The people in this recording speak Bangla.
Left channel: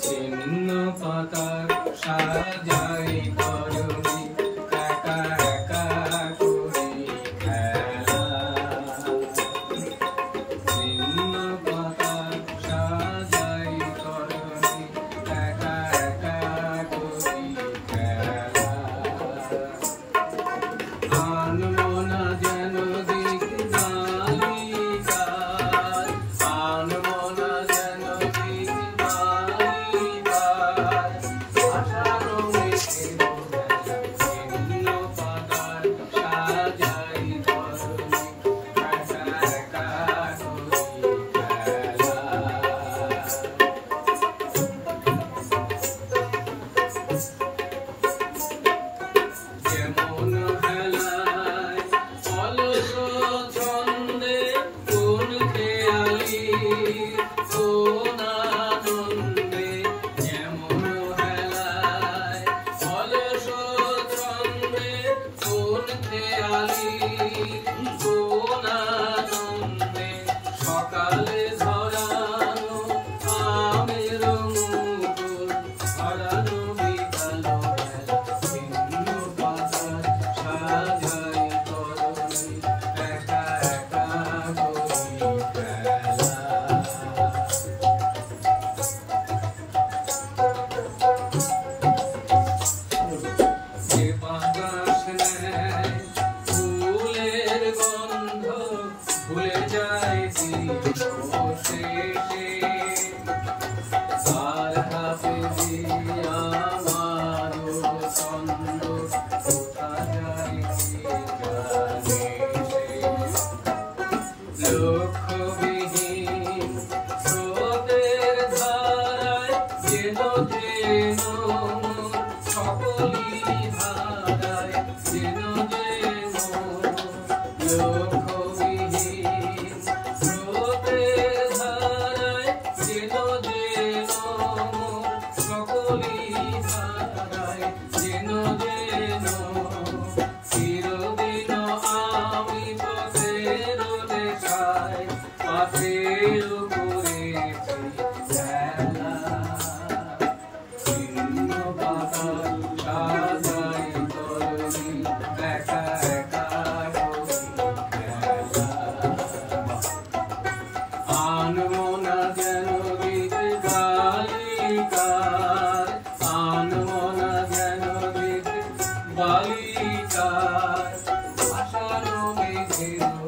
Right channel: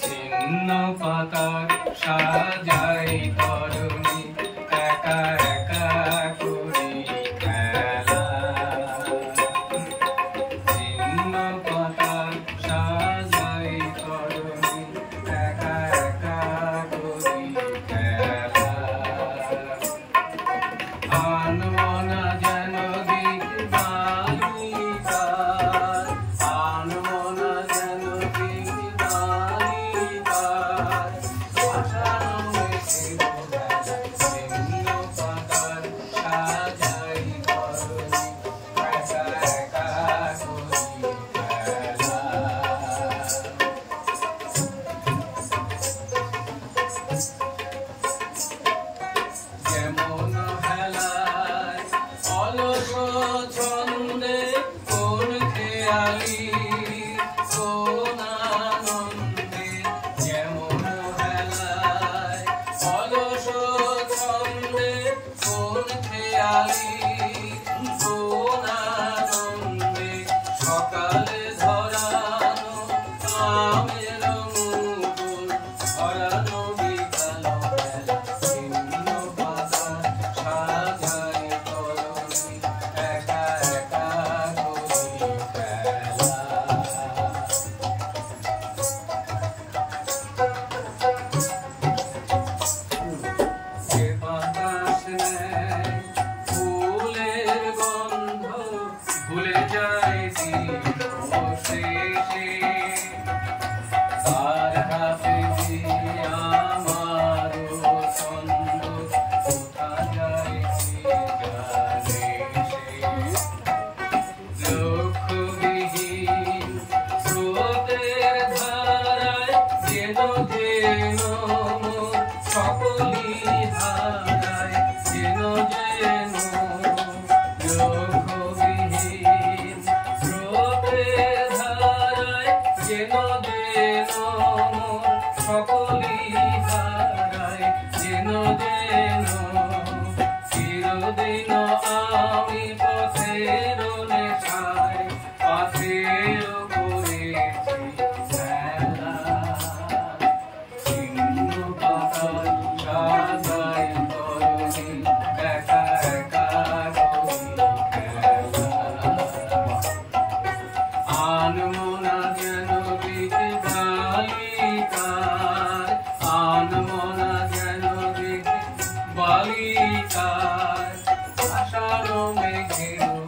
ছিন্ন পাতার সাজাই তরুণী একা একা করি খেলা। ছিন্ন পাতার সাজাই তরুণী একা একা করি খেলা। আনমনা যেন গীত বালিকার, আনমনা যেন গীত বালিকার। আষাঢ় মেঘের বেলা ছিন্ন পাতার সাজাই তরুণী একা একা করি খেলা। যেমন হেলায় অলস ছন্দে কোন খেয়ালি কোন আনন্দে। যেমন হেলায় অলস ছন্দে কোন খেয়ালি কোন আনন্দে। সকালে ধরানো আমের মুকুল ধরানো বিকাল বেলা ছিন্ন পাতার সাজাই তরুণী একা একা করি খেলা। যে বাতাস নেয় ফুলের গন্ধ ভুলে যায় দিবসে তার হাতে দিয়া আমারও ছন্দ কোথা যায় কে জানে সে। লক্ষ্যবিহীন স্রোতের ধারায় যেন যেন মোর সকলি হারায় যেন যেন। লক্ষ্যবিহীন স্রোতের ধারায় যেন যেন মোর সকলি হারায় যেন যেন। চিরদিন আমি পথের নেশায় পাথেয় করেছি খেলা। ছিন্ন পাতার সাজাই তরুণী একা একা করি খেলা। আনমনা যেন গীত বালিকার, আনমনা যেন গীত বালিকার। আষাঢ় মেঘের